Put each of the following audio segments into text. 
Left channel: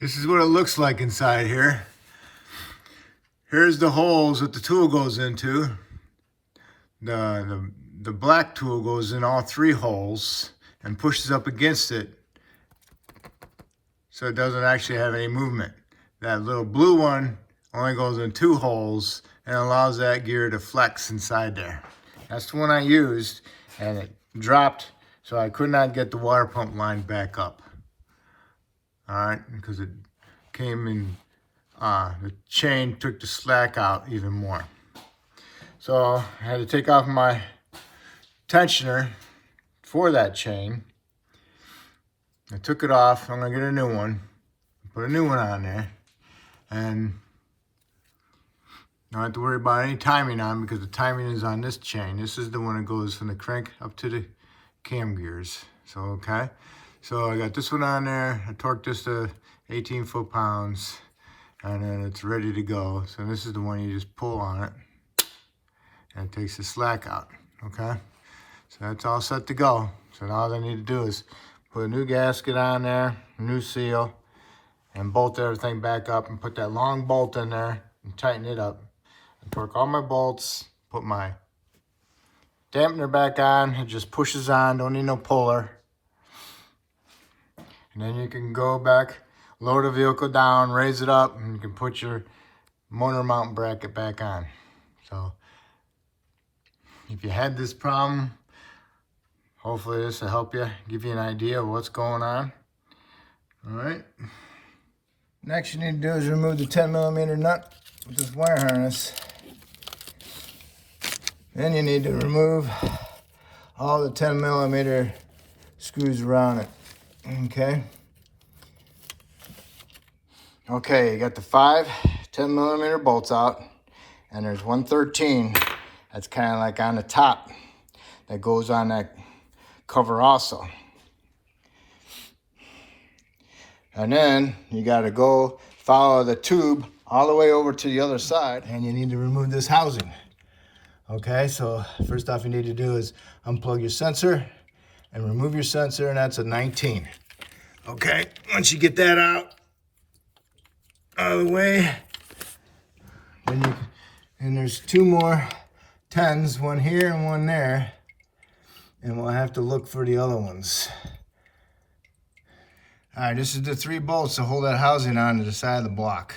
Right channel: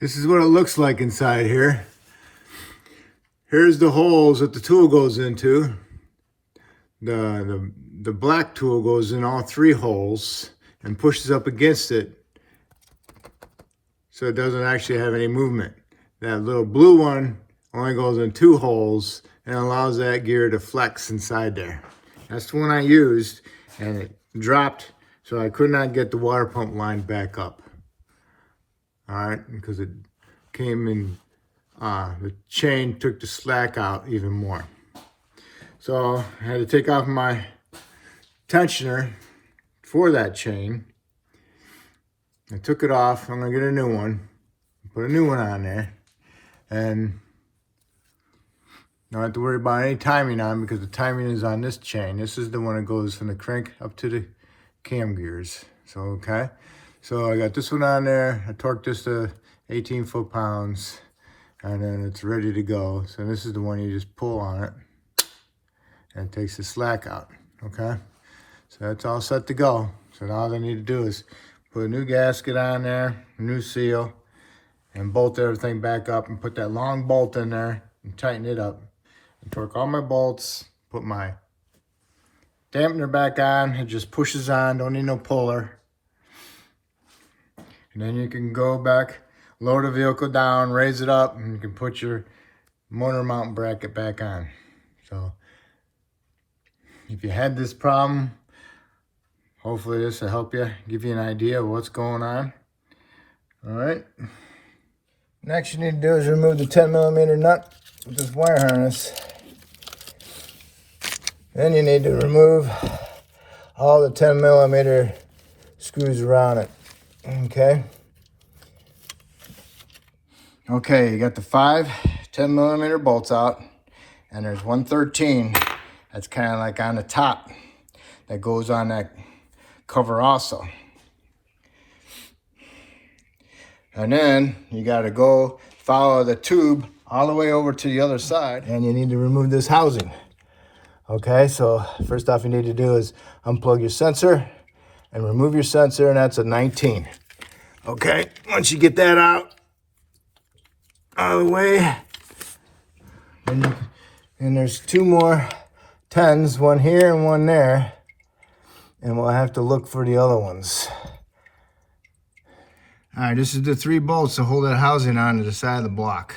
This is what it looks like inside here. Here's the holes that the tool goes into. The black tool goes in all three holes and pushes up against it so it doesn't actually have any movement. That little blue one only goes in two holes and allows that gear to flex inside there. That's the one I used, and it dropped, so I could not get the water pump line back up. All right, because it came in, the chain took the slack out even more. So I had to take off my tensioner for that chain. I took it off. I'm gonna get a new one, put a new one on there, and don't have to worry about any timing on because the timing is on this chain. This is the one that goes from the crank up to the cam gears. So, okay. So I got this one on there. I torqued this to 18 foot-pounds, and then it's ready to go. So this is the one you just pull on it, and it takes the slack out, okay? So that's all set to go. So now all I need to do is put a new gasket on there, a new seal, and bolt everything back up and put that long bolt in there and tighten it up. And torque all my bolts, put my dampener back on. It just pushes on, don't need no puller. And then you can go back, lower the vehicle down, raise it up, and you can put your motor mount bracket back on. So if you had this problem, hopefully this will help you, give you an idea of what's going on. All right. Next you need to do is remove the 10mm nut with this wire harness. Then you need to remove all the 10mm screws around it. Okay. Okay, you got the 5 10mm bolts out, and there's 113 that's kind of like on the top that goes on that cover also. And then you got to go follow the tube all the way over to the other side, and you need to remove this housing. Okay, so first off you need to do is unplug your sensor and remove your sensor, and that's a 19. Okay, once you get that out of the way, then and there's 2 more 10s, one here and one there, and we'll have to look for the other ones. All right, this is the 3 bolts to hold that housing on to the side of the block.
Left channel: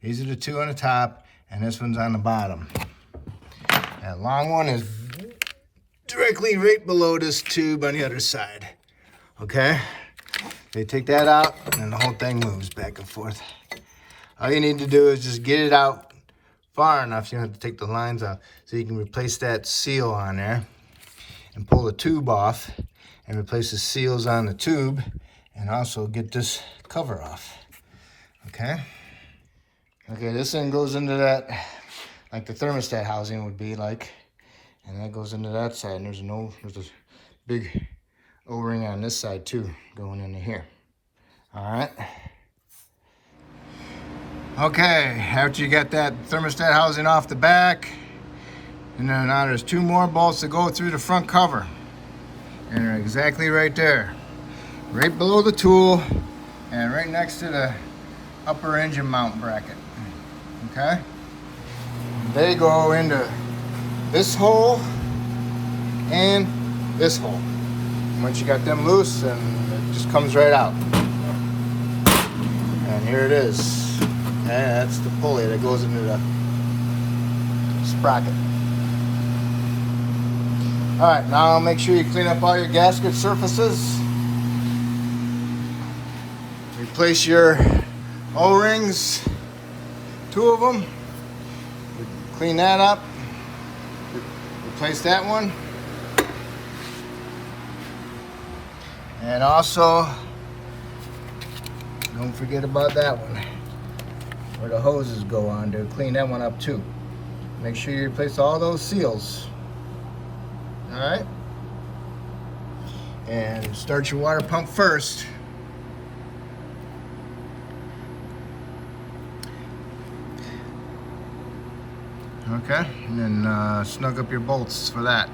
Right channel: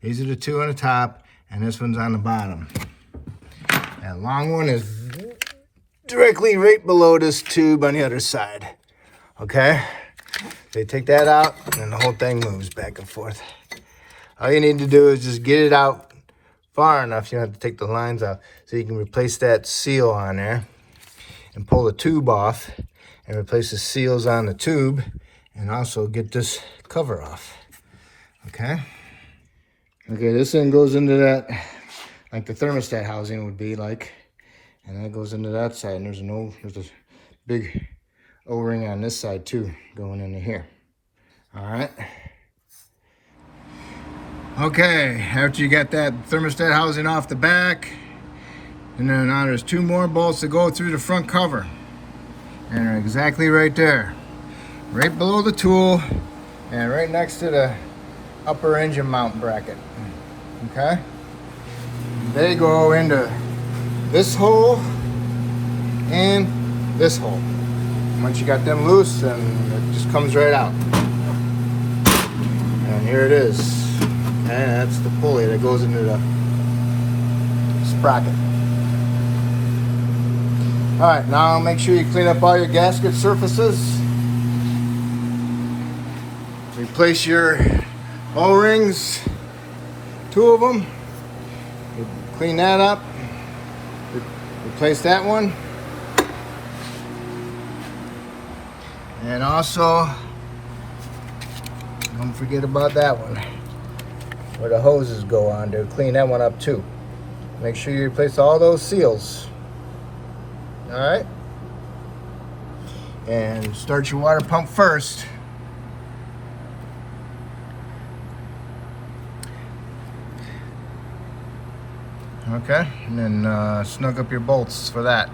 These are the 2 on the top, and this one's on the bottom. That long one is directly right below this tube on the other side. Okay? So you take that out, and the whole thing moves back and forth. All you need to do is just get it out far enough. You don't have to take the lines out. So you can replace that seal on there and pull the tube off and replace the seals on the tube, and also get this cover off. Okay? Okay, this thing goes into that, like the thermostat housing would be like, and that goes into that side, and there's a big O-ring on this side too, going into here. All right. Okay, after you got that thermostat housing off the back, and then now there's 2 more bolts that go through the front cover, and they're exactly right there, right below the tool, and right next to the upper engine mount bracket. Okay. They go into this hole and this hole. Once you got them loose, then it just comes right out. And here it is. And that's the pulley that goes into the sprocket. All right, now make sure you clean up all your gasket surfaces. Replace your O-rings, 2 of them. Clean that up, replace that one, and also don't forget about that one where the hoses go on to clean that one up too. Make sure you replace all those seals. All right, and start your water pump first. Okay, and then snug up your bolts for that.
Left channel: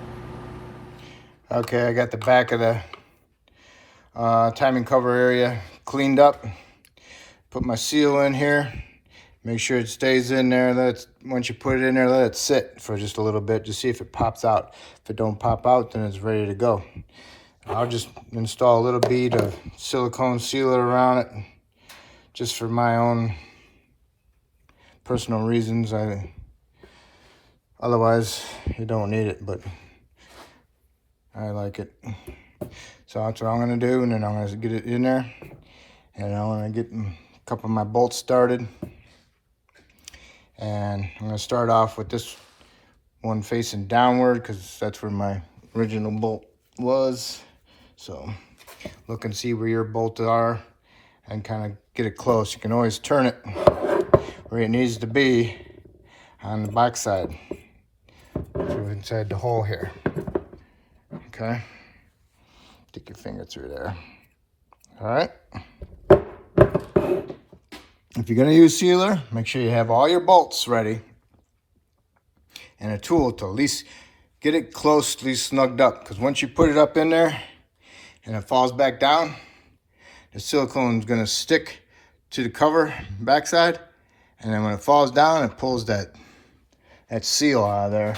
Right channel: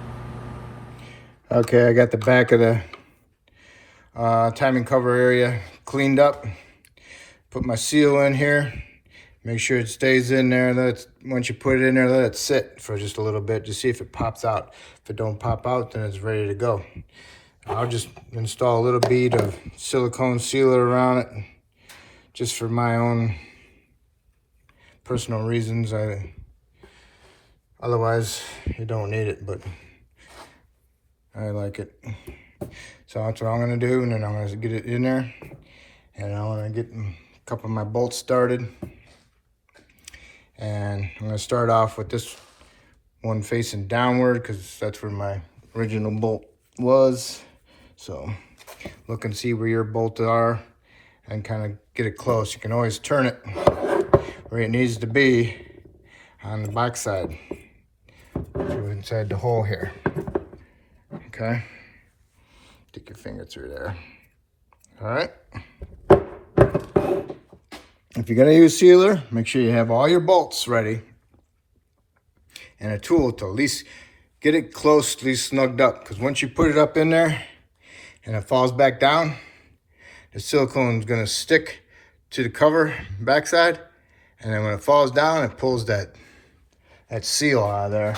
Okay, I got the back of the timing cover area cleaned up. Put my seal in here. Make sure it stays in there. Once you put it in there, let it sit for just a little bit to see if it pops out. If it don't pop out, then it's ready to go. I'll just install a little bead of silicone sealer around it, just for my own personal reasons. Otherwise, you don't need it, but I like it. So that's what I'm gonna do, and then I'm gonna get it in there, and I'm gonna get a couple of my bolts started. And I'm gonna start off with this one facing downward because that's where my original bolt was. So look and see where your bolts are and kind of get it close. You can always turn it where it needs to be on the back side. So inside the hole here. Okay. Stick your finger through there. All right. If you're gonna use sealer, make sure you have all your bolts ready and a tool to at least get it closely snugged up. Because once you put it up in there and it falls back down, the silicone is gonna stick to the cover backside, and then when it falls down, it pulls that seal out of there.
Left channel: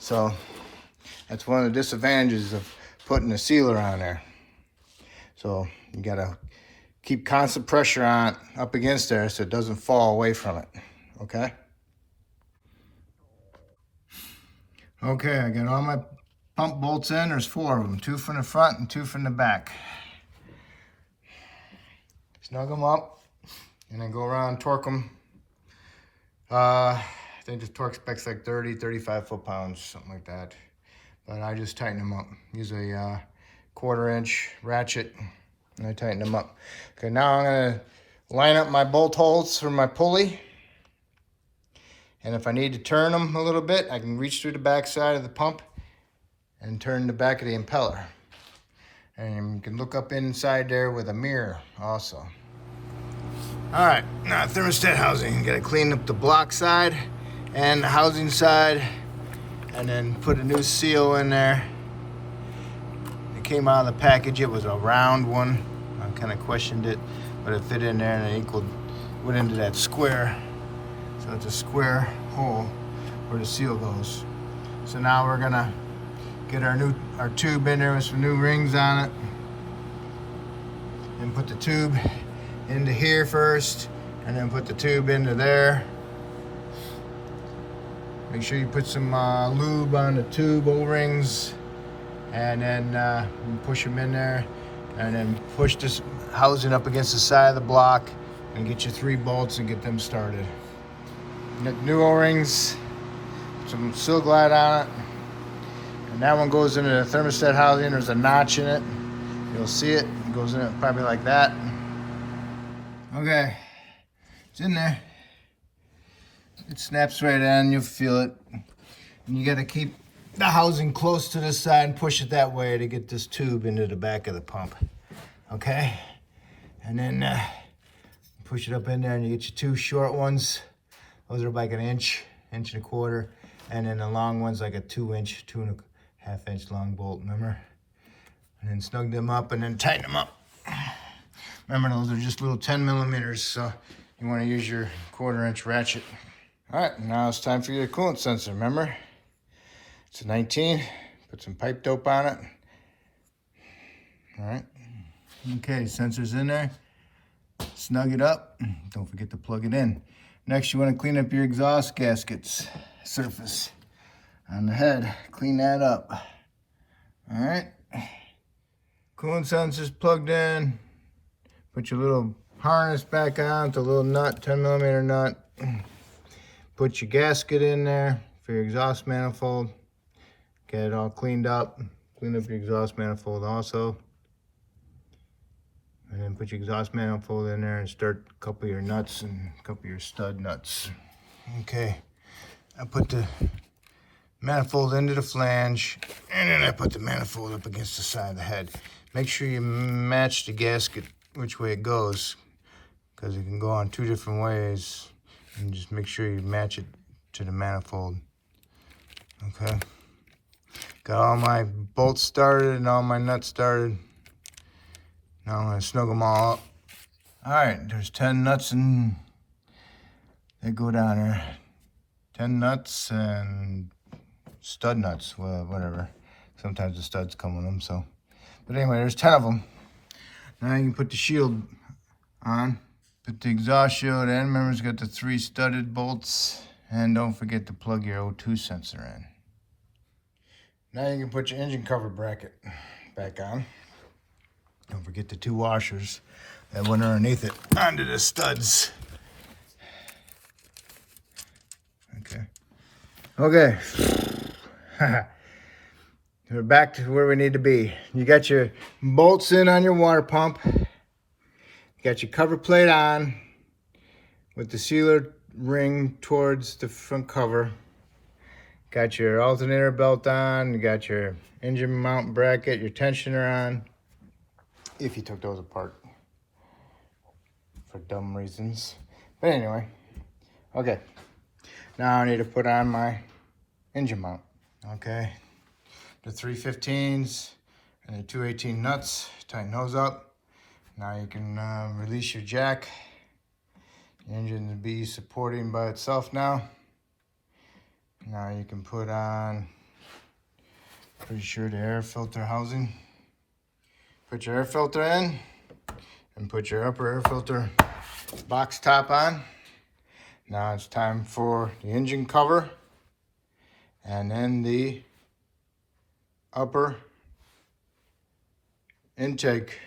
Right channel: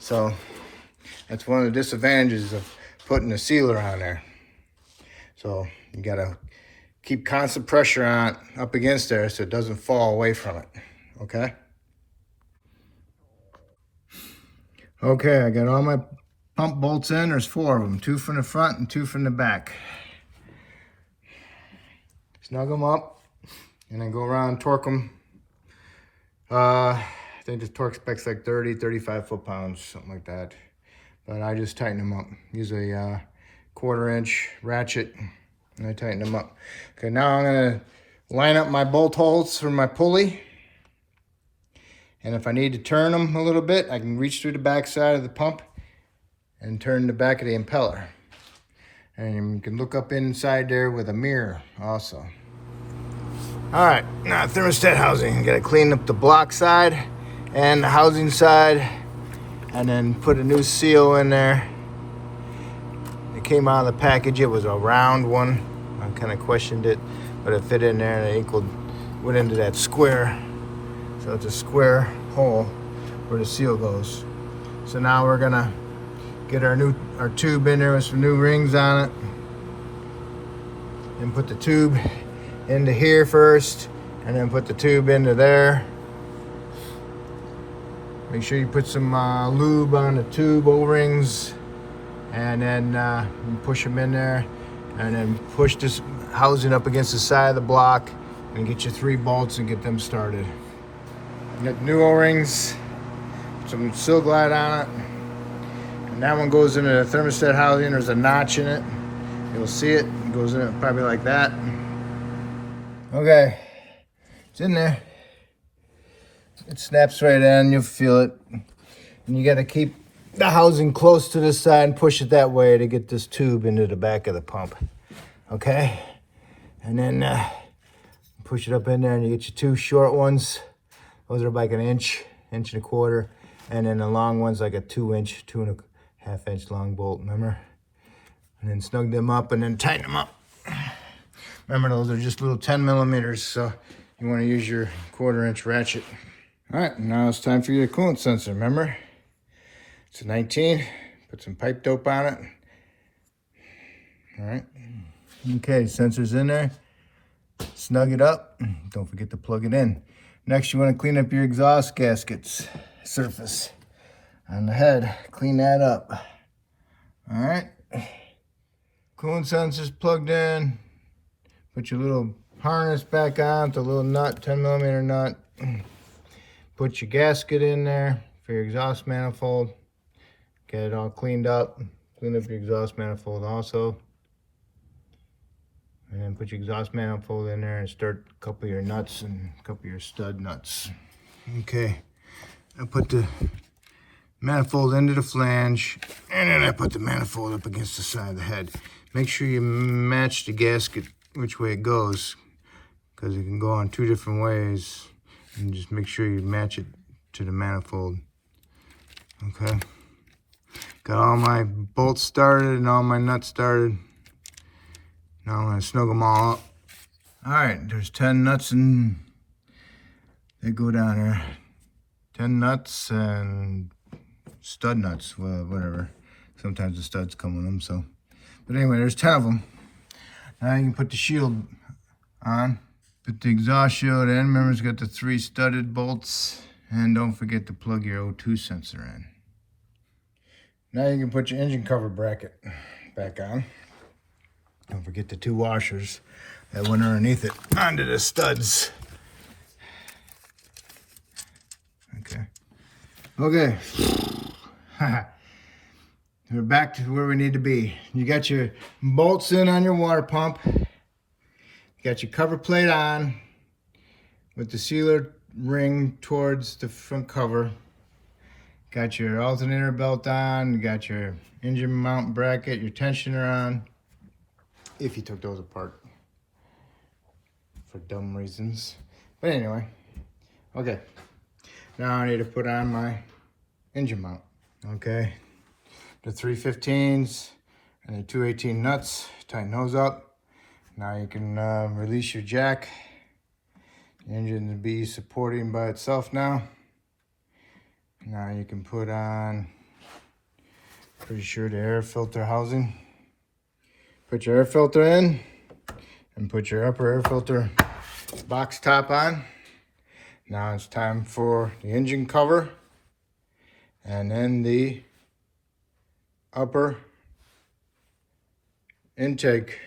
So that's one of the disadvantages of putting a sealer on there. So you gotta keep constant pressure on it up against there so it doesn't fall away from it, okay? Okay, I got all my pump bolts in. There's 4 of them, 2 from the front and 2 from the back. Snug them up and then go around and torque them. I think the torque spec's like 30, 35 foot-pounds, something like that. But I just tighten them up. Use a 1/4 inch ratchet and I tighten them up. Okay, now I'm gonna line up my bolt holes for my pulley. And if I need to turn them a little bit, I can reach through the back side of the pump and turn the back of the impeller. And you can look up inside there with a mirror also. All right, now thermostat housing. You gotta clean up the block side and the housing side, and then put a new seal in there. It came out of the package, it was a round one. I kind of questioned it, but it fit in there and it went into that square. So it's a square hole where the seal goes. So now we're gonna get our tube in there with some new rings on it, and put the tube into here first, and then put the tube into there. Make sure you put some lube on the tube O-rings, and then you push them in there, and then push this housing up against the side of the block, and get your 3 bolts and get them started. Got new O-rings, some Silglide on it, and that one goes into the thermostat housing. There's a notch in it. You'll see it. It goes in it probably like that. Okay, it's in there. It snaps right on. You'll feel it. And you got to keep the housing close to the side and push it that way to get this tube into the back of the pump. Okay, and then push it up in there, and you get your 2 short ones. Those are like an inch and a quarter, and then the long one's like a 2-inch, 2.5 inch long bolt, remember? And then snug them up and then tighten them up. Remember, those are just little 10 millimeters, so you want to use your 1/4 inch ratchet. All right, now it's time for your coolant sensor, remember? It's a 19, put some pipe dope on it. All right. Okay, sensor's in there. Snug it up. Don't forget to plug it in. Next, you want to clean up your exhaust gaskets surface on the head. Clean that up. All right. Coolant sensor's plugged in. Put your little harness back on with a little nut, 10 millimeter nut. Put your gasket in there for your exhaust manifold. Get it all cleaned up. Clean up your exhaust manifold also. And then put your exhaust manifold in there and start a couple of your nuts and a couple of your stud nuts. Okay, I put the manifold into the flange, and then I put the manifold up against the side of the head. Make sure you match the gasket which way it goes, because it can go on 2 different ways, and just make sure you match it to the manifold. Okay, got all my bolts started and all my nuts started. Now I'm going to snug them all up All right, there's 10 nuts and they go down there. 10 nuts and stud nuts, well, whatever. Sometimes the studs come with them, so. But anyway, there's 10 of them. Now you can put the shield on. Put the exhaust shield in. Remember, it's got the 3 studded bolts. And don't forget to plug your O2 sensor in. Now you can put your engine cover bracket back on. Don't forget the 2 washers that went underneath it onto the studs. Okay. We're back to where we need to be. You got your bolts in on your water pump. You got your cover plate on with the sealer ring towards the front cover. Got your alternator belt on. You got your engine mount bracket, your tensioner on. If you took those apart for dumb reasons. But anyway, okay. Now I need to put on my engine mount. Okay, the 315s and the 218 nuts. Tighten those up. Now you can release your jack. The engine will be supporting by itself now. Now you can put on, pretty sure, the air filter housing. Put your air filter in and put your upper air filter box top on. Now it's time for the engine cover and then the upper intake.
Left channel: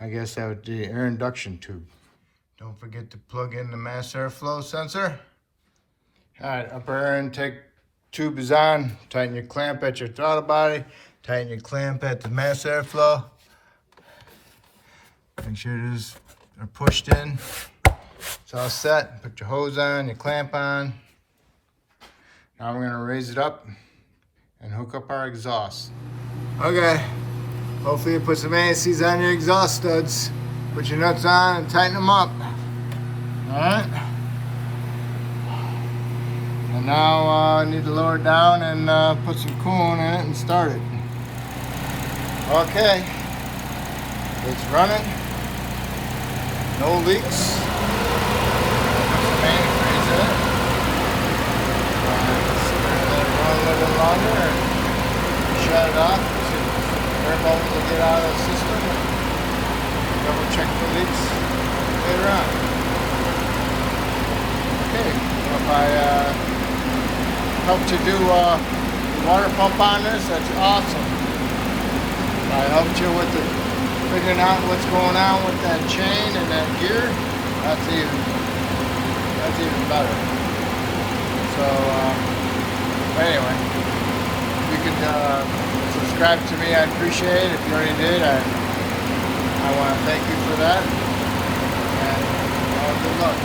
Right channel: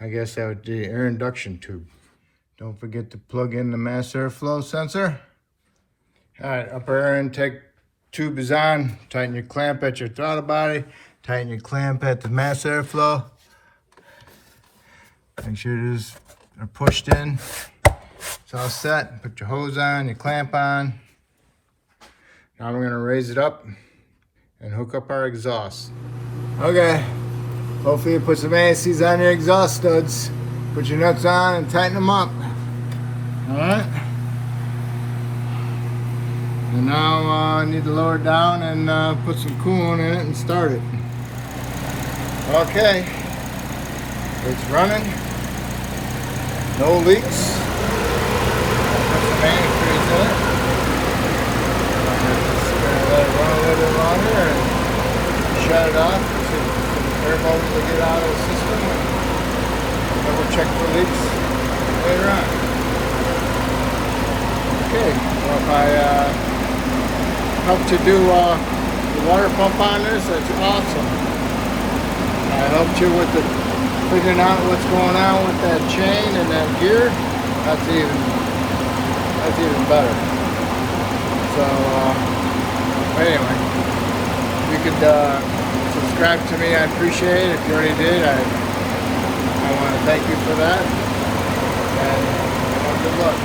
I guess that would be the air induction tube. Don't forget to plug in the mass airflow sensor. All right, upper air intake tube is on. Tighten your clamp at your throttle body. Tighten your clamp at the mass airflow. Make sure these are pushed in. It's all set. Put your hose on, your clamp on. Now we're gonna raise it up and hook up our exhaust. Okay, hopefully you put some ASCs on your exhaust studs. Put your nuts on and tighten them up. All right. And now I need to lower it down and put some coolant in it and start it. Okay, it's running. No leaks. Man, crazy. Just let it run a little bit longer and shut it off. Air bubbles will get out of the system. Double check for leaks later on. Okay, well, if I helped you do the water pump on this, that's awesome. I helped you with figuring out what's going on with that chain and that gear. That's even better. So anyway, you could subscribe to me. I appreciate it. If you already did, I want to thank you for that. And good luck.